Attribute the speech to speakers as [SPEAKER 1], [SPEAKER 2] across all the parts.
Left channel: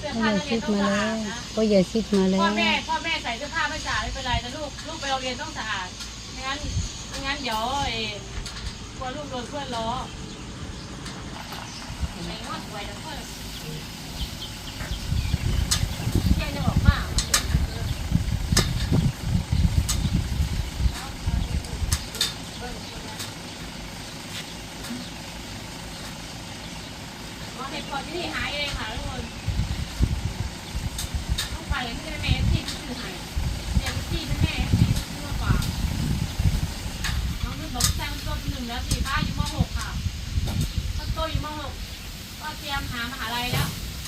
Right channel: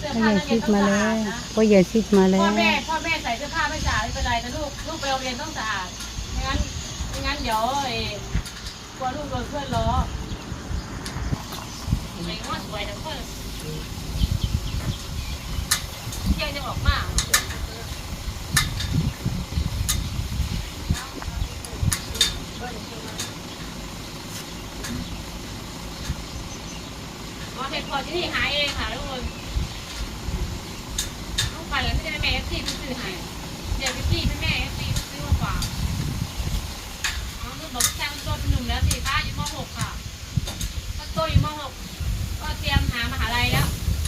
[SPEAKER 1] สื้อ
[SPEAKER 2] พ่อ
[SPEAKER 1] ผ้า
[SPEAKER 2] ใหญ่
[SPEAKER 1] นักเรี
[SPEAKER 2] ชิ
[SPEAKER 1] ยน
[SPEAKER 2] ด
[SPEAKER 1] ต้อง
[SPEAKER 2] มา
[SPEAKER 1] สะ
[SPEAKER 2] แล้
[SPEAKER 1] อาด
[SPEAKER 2] ว
[SPEAKER 1] นะ
[SPEAKER 2] พ่อใหญ่ชิดมาแล้
[SPEAKER 1] พ่อ
[SPEAKER 2] ว
[SPEAKER 1] แม่ใส่เสื้อผ้าไม่สะอาดไม่เป็นไรนะลูกไปโรงเรียนต้องสะอาดไม่งั้นเดี๋ยวกลัวลูกโดนเพื่อนล้อเองก็สวยนะเพื่อนเที่ยวจะบอกมากว่าเห็ดพอที่นี่หายเองค่ะทุกคนต้องไปแล้วไม่ได้แม่ที่ซื้อให้เดี๋ยวที่แม่ที่ซื้อมากกว่าน้องลูกบอกแค่ต้นหนึ่งแล้ว4 อยู่ม.6 ค่ะโตอยู่ม.6ก็เตรียมหามหาลัยแล้ว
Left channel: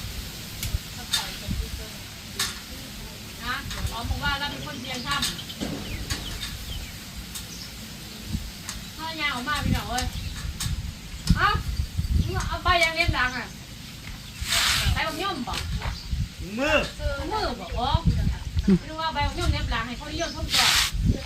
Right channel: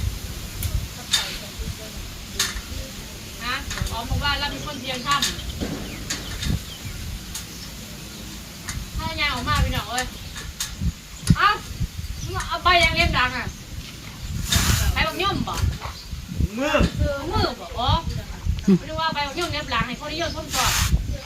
[SPEAKER 1] นะขอหมู่บ้านแล้วมีคนเตรียมทำถ้ายาออกมาพี่น้องเอ้ยเอาใบยังเลี้ยงดังอ่ะใบบักยุ่มบ่มือบ่อ๋อไม่รู้ว่าใบบักยุ่มเลี้ยงดังให้คนนิยมชมก่อน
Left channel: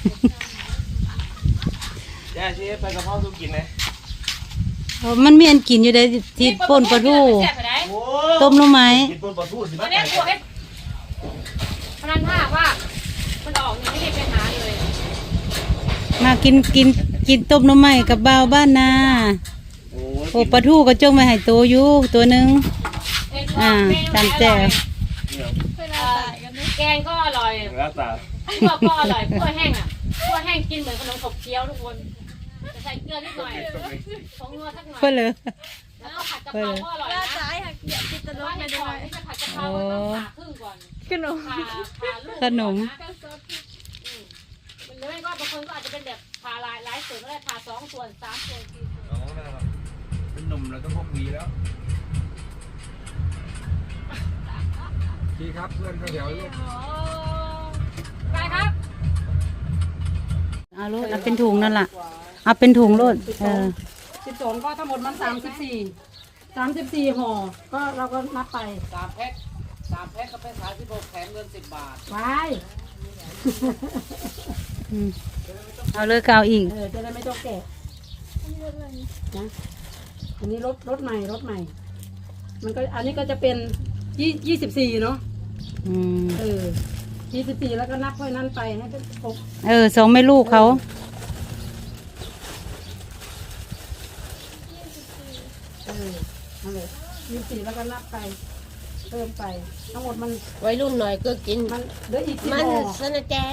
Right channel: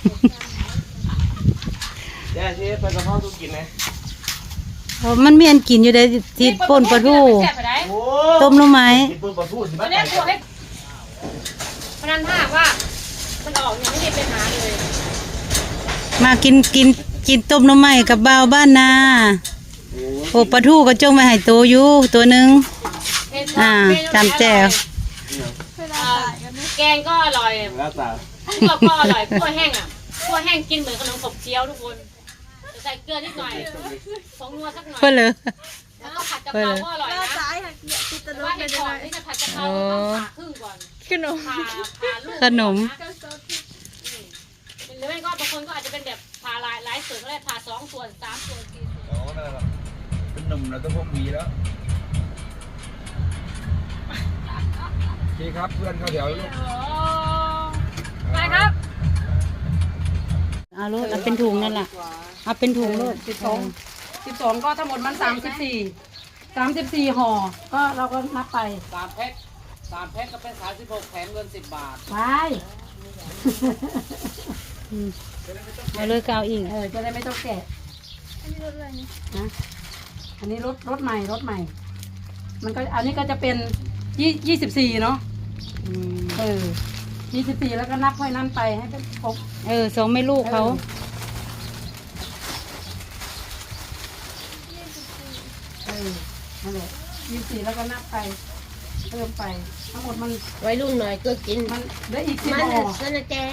[SPEAKER 3] ย่าชี้ไปกระเพราทุกกินไหม
[SPEAKER 2] มันมีอันกินอยู่ได้ที่ป่นปลาทูต้มหน่อไม้
[SPEAKER 3] กินปนปลาทูสิบ้า
[SPEAKER 1] เรียกตัวให้พนันถ้าว่ามันออกนี่ไม่ได้เป็นหาเลย
[SPEAKER 2] มากินต้มหน่อไม้กับบ่าวบ้านนาโอ้ปลาทูก็จงไว้ให้โตอยู่ตัวหนึงจำแจ่ว
[SPEAKER 1] แกงก็อร่อย
[SPEAKER 3] แล้วแต่
[SPEAKER 1] ก็อร่อยคั่วแห้งอ่ะคั่วแห้งกินเหมือนขนมขบเคี้ยวทุกคนจะใส่เกลือนิดหน่อยผงนัวสักหน่อย
[SPEAKER 2] เพื่อเลย
[SPEAKER 1] แล้วก็ผัดกะเพราก็อร่อยนะแต่ว่าเห็ดหอมนี่จะผัดกะเพราต้องผ่าครึ่งก่อนผ่าลูก
[SPEAKER 2] ขนม
[SPEAKER 1] หรือไม่ก็บางคนก็อาจจะเป็นแบบผ่าหลายส่วนก็ได้ผ่า2 ส่วน 3 ส่วน 4 ส่วน
[SPEAKER 3] อ๋อนั่นแหละเป็นหนุ่มแล้วต้องพกมีแล้วโอเคครับเพื่อนเข้าแถวลูก
[SPEAKER 1] ไปครับ
[SPEAKER 2] เอาโลดเอาเป็นถุงนั่นล่ะเอาเป็นถุงโลด
[SPEAKER 4] 12ก็ทั้งหมดมัน34ห่อก็เราก็นับไป
[SPEAKER 5] 3 แพ็คก็เป็น36แถมเงิน10 บาท
[SPEAKER 4] ไป
[SPEAKER 2] เอาเลยกาวอีก
[SPEAKER 4] จะได้ไม่ต้องแกะอันนี้รถอะไรนะอันนี้รถใหม่มันก็อันนี้ก็จะเป็น24เนาะ24แล้วก็นับให้นั่นไปให้เป็นครบ
[SPEAKER 2] สองแม่ลูกเขา
[SPEAKER 4] นั่นแหละ24แล้วก็นับไปเพิ่มไปทั้งหมดมัน
[SPEAKER 1] ไว้ลุงหน่อยก็กิน
[SPEAKER 4] มันเหลืออีก10
[SPEAKER 1] มัน
[SPEAKER 4] ห่อ
[SPEAKER 1] สนะแก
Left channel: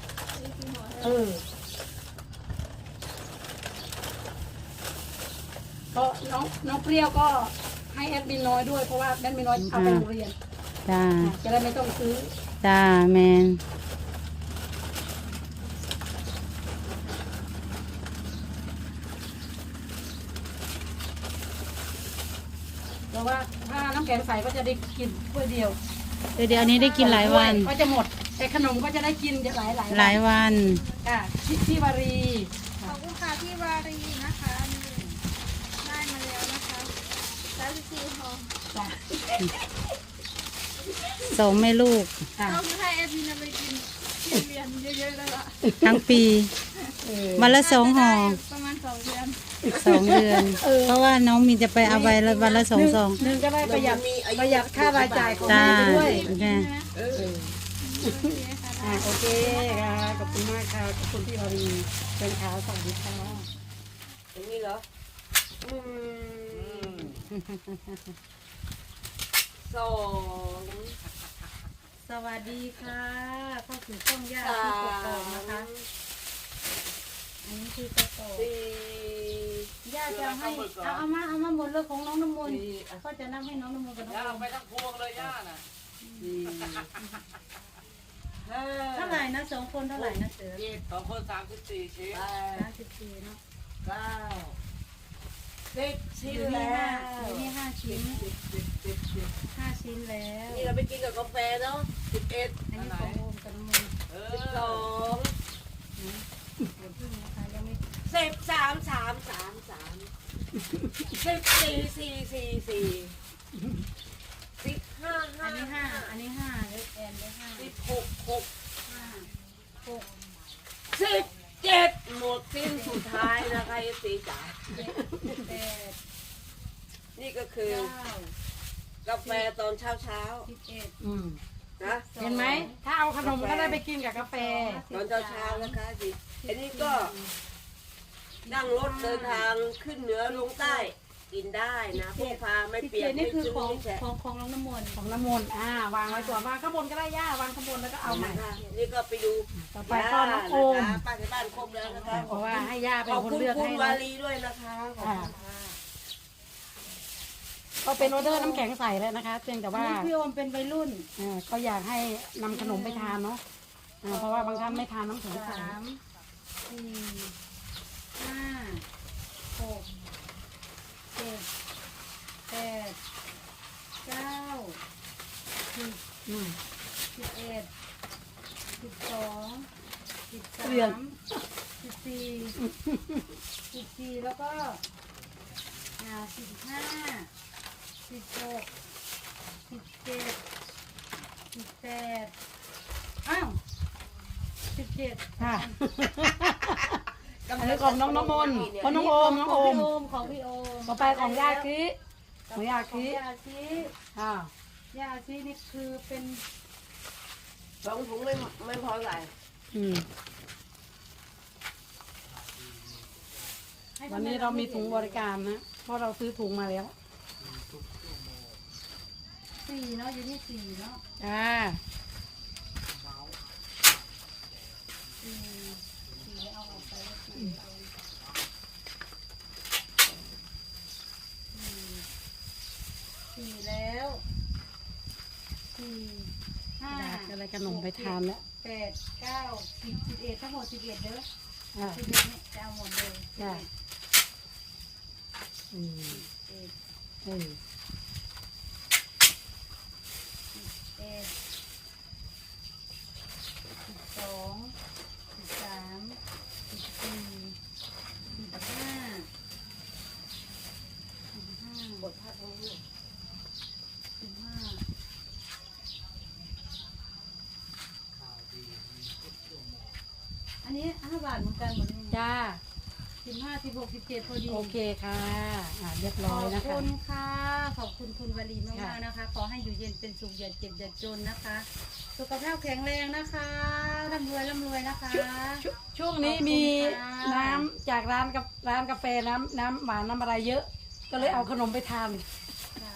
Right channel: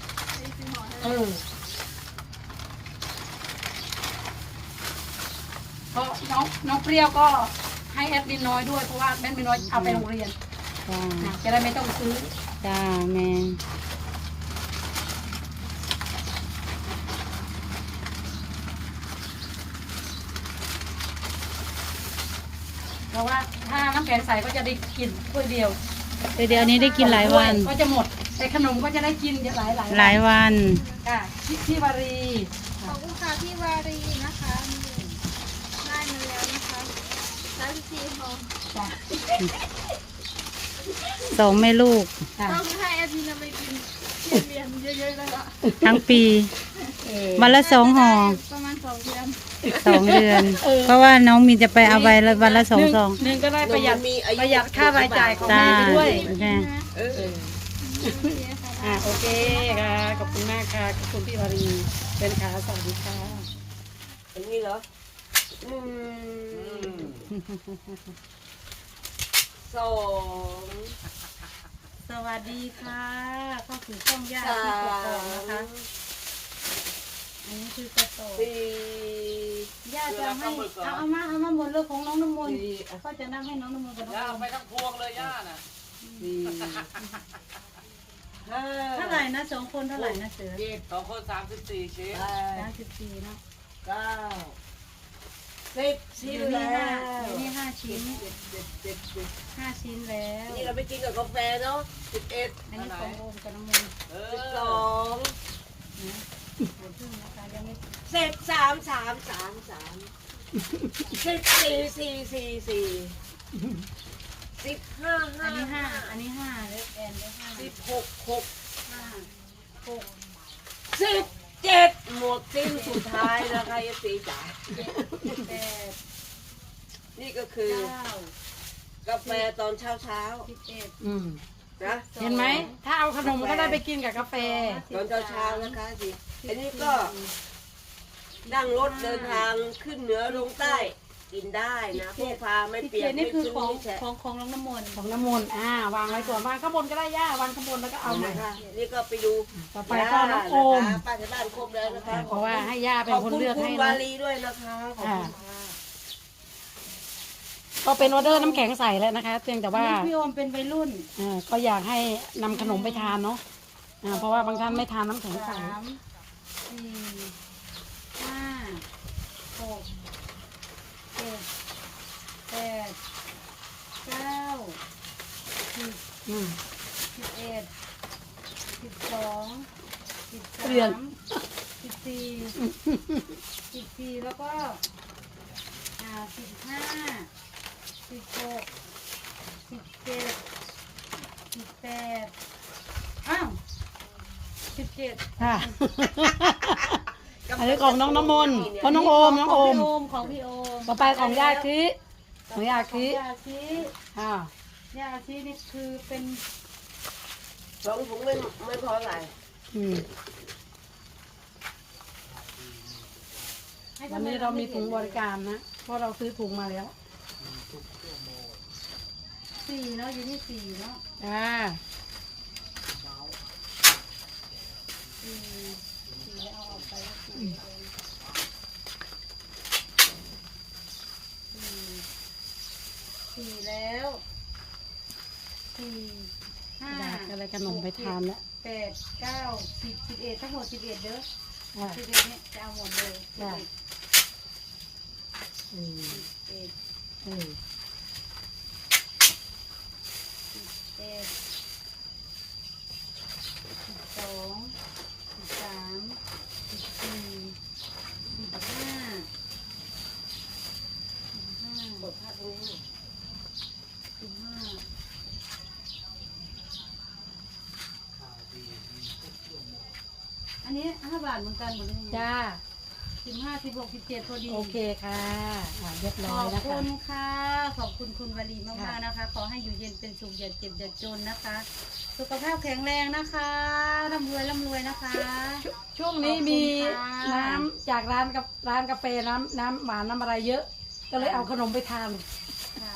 [SPEAKER 4] ก็น้องเปรี้ยวก็ให้แอดมินน้อยด้วยเพราะว่าแอดมินน้อยเอาไปโรงเรียน
[SPEAKER 2] จ้า
[SPEAKER 4] จะได้ไม่ต้องซื้อ
[SPEAKER 2] จ้าแมน
[SPEAKER 4] เพราะว่าถ้าน้ำแข็งใสก็จะได้กินถ้วยเดียว
[SPEAKER 2] เดี๋ยวอันนี้ได้กินหลายวัน
[SPEAKER 4] ก็จะหมดแต่ขนมก็จะได้กินหลาย
[SPEAKER 2] วัน
[SPEAKER 4] ค่ะพี่วารี
[SPEAKER 6] ขอบคุณค่ะพี่วารีนะคะนี่ได้มาแล้วนะคะ34ห่อ
[SPEAKER 4] จ้ะ
[SPEAKER 2] สองแม่ลูก
[SPEAKER 4] ค่ะ
[SPEAKER 6] ต้องให้แอดมินเอาไปกินเรียนเยอะๆเลยละ
[SPEAKER 2] ทั้งปีวันละ2 ห่อ
[SPEAKER 6] ประมาณ2 เดือน
[SPEAKER 2] 2 เดือน เพราะว่าน้องมีจะไปเอาใบละวันละ2 ซอง
[SPEAKER 4] หนึ่งก็ได้ประหยัดค่ารายจ่ายของ
[SPEAKER 2] จ้า
[SPEAKER 4] แม่ไปด้วย
[SPEAKER 2] แม่
[SPEAKER 6] โอเคค่ะได้
[SPEAKER 4] โอเคค่ะขอบคุณมากค่ะขอบคุณพี่วารีเป็นขาสวัสดีค่ะ
[SPEAKER 5] อย่างนี้เหรอ2
[SPEAKER 2] สวัสดีค่ะเข้าสู่ช่องย่าที่กกอกนะคะ อันนี้คือกระโต
[SPEAKER 5] 4
[SPEAKER 2] ย่าจะเอามาหมดเลยของน้องน้ำมนต์ก็จะนั่งให้น้องน้ำมนต์กับน้อง
[SPEAKER 5] ย่า
[SPEAKER 2] อม
[SPEAKER 5] ไปทั้งพวงเลยย่าน่ะ
[SPEAKER 2] เท่าไหร่นะ2 คนเท่าไหร่นะเสือ
[SPEAKER 5] 2 คน34ชิ้น
[SPEAKER 2] 34เนาะ
[SPEAKER 5] 10 ชิ้น
[SPEAKER 2] อยู่นี่
[SPEAKER 5] แล้ว
[SPEAKER 2] 5อยู่นี่5 ชิ้น5 ชิ้นแล้ว
[SPEAKER 5] นี่เราไปกินกับกาแฟเนาะ11
[SPEAKER 2] อันนี้ของโอมกับน้องมนต์
[SPEAKER 5] 12
[SPEAKER 2] เดี๋ยวพึ่งนะคะยังไม่ อันนี้5เล็กแอนได้5
[SPEAKER 5] 17หมดสิ้นสุดท้ายนะคะยกตีจ๋า
[SPEAKER 2] 8
[SPEAKER 5] นี่ก็คือ
[SPEAKER 2] 9
[SPEAKER 7] กาแฟตอนเช้า
[SPEAKER 4] อืม
[SPEAKER 7] ๆนะ
[SPEAKER 4] เห็นไหมถ้าเอาขนมก็ได้ไปกินกับกาแฟ
[SPEAKER 7] ตอนเช้าๆนะคะสิอันนี้ก็นั่งรถเดินทางขึ้นเหนือลงใต้กินได้นะพวกพาไม่เปียก
[SPEAKER 2] นี่คือของ
[SPEAKER 7] ไม่ชื้น
[SPEAKER 2] ของน้องน้ำมนต์
[SPEAKER 4] ของน้ำมนต์วางไว้ก่อนวางข้างบนก็ได้ย่าวางข้างบนแล้วก็เอาใหม่
[SPEAKER 7] นะคะนี่ก็ไปดู
[SPEAKER 4] ต่อไปก็น้องโอม
[SPEAKER 7] นะคะป้าที่บ้านครบแล้วนะคะ
[SPEAKER 4] เพราะว่าให้ย่าเป็
[SPEAKER 7] ข
[SPEAKER 4] น
[SPEAKER 7] อบ
[SPEAKER 4] คน
[SPEAKER 7] คุณ
[SPEAKER 4] เลือก
[SPEAKER 7] คุ
[SPEAKER 4] ให้
[SPEAKER 7] ณวา
[SPEAKER 4] นะ
[SPEAKER 7] ลีด้วยนะคะขอบคุณค่ะ
[SPEAKER 4] ก็เป็นออเดอร์น้ำแข็งใสแล้วนะคะเพียงแต่
[SPEAKER 2] อัน
[SPEAKER 4] ว่า
[SPEAKER 2] นี้พี่โอมเป็นวัยรุ่น
[SPEAKER 4] ก็อยากให้นำขนมไปทานเนาะเพราะว่าบางท่านไม่ทานน้ำแข็งใส
[SPEAKER 2] 3 4 5 6 7 8 9 10
[SPEAKER 4] อืม
[SPEAKER 2] 11 12
[SPEAKER 4] เรียน
[SPEAKER 2] 13 14แล้วก็15 16 17 18อ้าว17
[SPEAKER 4] ค่ะอันนี้ของน้องน้ำมนต์ของน้องโอมน้อง
[SPEAKER 2] ข
[SPEAKER 4] โอ
[SPEAKER 2] องพี่
[SPEAKER 4] ม
[SPEAKER 2] โอมของพี่โอม
[SPEAKER 4] ต่อไปของย่าคิของย่า
[SPEAKER 2] ขอ
[SPEAKER 4] คิ
[SPEAKER 2] งยาชี
[SPEAKER 4] อ่า
[SPEAKER 2] ยาชีนี่คือเป็น
[SPEAKER 7] สองถุงไม่พอใส่
[SPEAKER 4] อืม
[SPEAKER 2] ให้
[SPEAKER 4] วันนี้เรามีถุงบริการนะเพราะเราซื้อถุงมาแล้ว
[SPEAKER 2] 4เนาะอยู่ที่4เนาะ
[SPEAKER 4] อ่า
[SPEAKER 2] 4แล้วเอาออกไปแล้ว4แล้ว4
[SPEAKER 4] อยาก
[SPEAKER 2] 5
[SPEAKER 4] อะไรขนมไปทานแล้ว
[SPEAKER 2] 8 9 10 11ทั้งหมด11เด้อ
[SPEAKER 4] อ่า
[SPEAKER 2] 11เนี่ยจะเอาหมดเลย
[SPEAKER 4] จ้ะ อืม
[SPEAKER 2] 11
[SPEAKER 4] อืม
[SPEAKER 2] อันนี้5 บาทเหมือนกันหมดเลย
[SPEAKER 4] จ้า
[SPEAKER 2] 15 16 17พอดี
[SPEAKER 4] โอเคค่ะเรียบ
[SPEAKER 2] ข
[SPEAKER 4] ร้อ
[SPEAKER 2] อย บ
[SPEAKER 4] นะ
[SPEAKER 2] คุ
[SPEAKER 4] คะ
[SPEAKER 2] ณค่ะ ขอบคุณคุณวลีมากๆนะคะ ขอให้อยู่เย็นเป็นสุขอย่าเจ็บอย่าจนนะคะ สุขภาพแข็งแรงนะคะร่ำรวยนะคะ
[SPEAKER 4] ช่วงนี้
[SPEAKER 2] ขอบคุณ
[SPEAKER 4] มี
[SPEAKER 2] ค่ะ
[SPEAKER 4] น้ำจากร้านกาแฟน้ำหวานน้ำอะไรเยอะ ก็เลยเอาขนมไปทาน
[SPEAKER 2] ค่ะ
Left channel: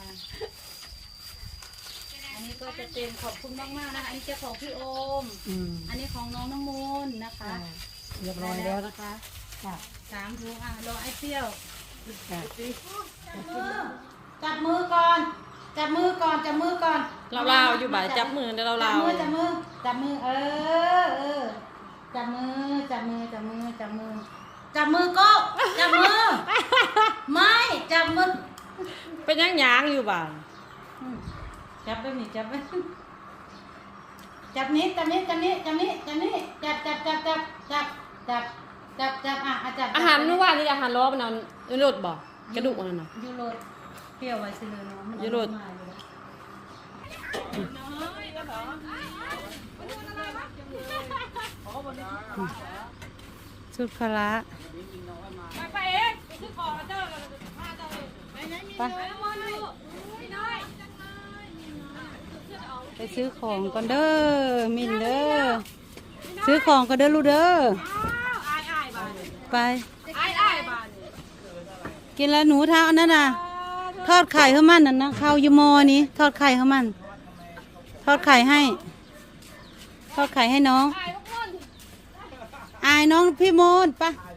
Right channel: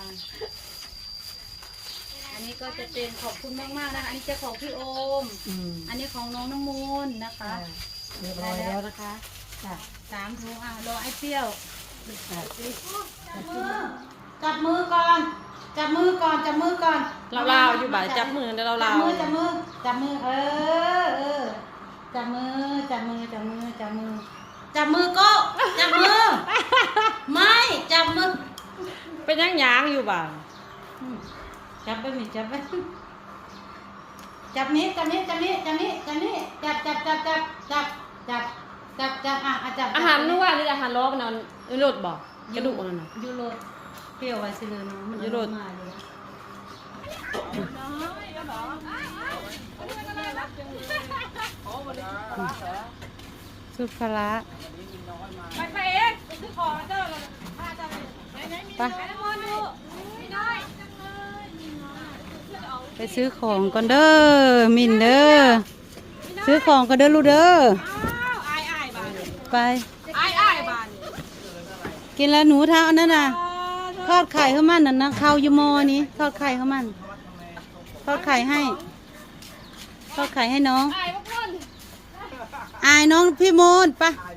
[SPEAKER 2] อันนี้ก็จะเป็นขอบคุณมากๆนะคะ อันนี้จะของพี่โอม
[SPEAKER 4] อืม
[SPEAKER 2] อันนี้ของน้องน้ำมูลนะคะ
[SPEAKER 4] เรียบร้อยแล้วนะคะจ้ะ
[SPEAKER 2] 3 ถุงรอไอ้เปรี้ยว
[SPEAKER 4] จ้ะ
[SPEAKER 2] จับมือก่อน จับมือก่อน จับมือก่อน
[SPEAKER 4] เราลาวอยู่บ่ายจับมือแล้วเรา
[SPEAKER 2] จั
[SPEAKER 4] ลา
[SPEAKER 2] บ
[SPEAKER 4] ว
[SPEAKER 2] มือ จับมือ จับมือ เออ จับมือ จับมือ จับมือ จับมือ จับมือก็ จับมือ ไม่ จับมือ
[SPEAKER 4] เป็นยังยางอยู่บ่า
[SPEAKER 2] จับไปมิจับไปจับนี้จับนี้จับนี้จับนี้จับนี้จับอ่ะจับ
[SPEAKER 8] อาหารนู่นว่านี่อาหารล้อมันนั่นยูโรดบอกกระดูกอันนั้นน่ะ
[SPEAKER 2] ยูโรเปรี้ยวไว้สิเลยเนาะมัน
[SPEAKER 8] ยูโร
[SPEAKER 2] มาเลยสุภาระไปเองซื้อของเจ้าเราไปซื้อของก่อนเด้อมินเด้อซื้อของก่อนเด้อลูกเด้อไปกินแล้วหนูเท้านั่นน่ะทอดไข่ให้มันน่ะนะข้าวยูโมนี้ทอดไข่ให้มันทอดไข่ให้ทอดไข่ให้น้องอายน้องพี่โมนไป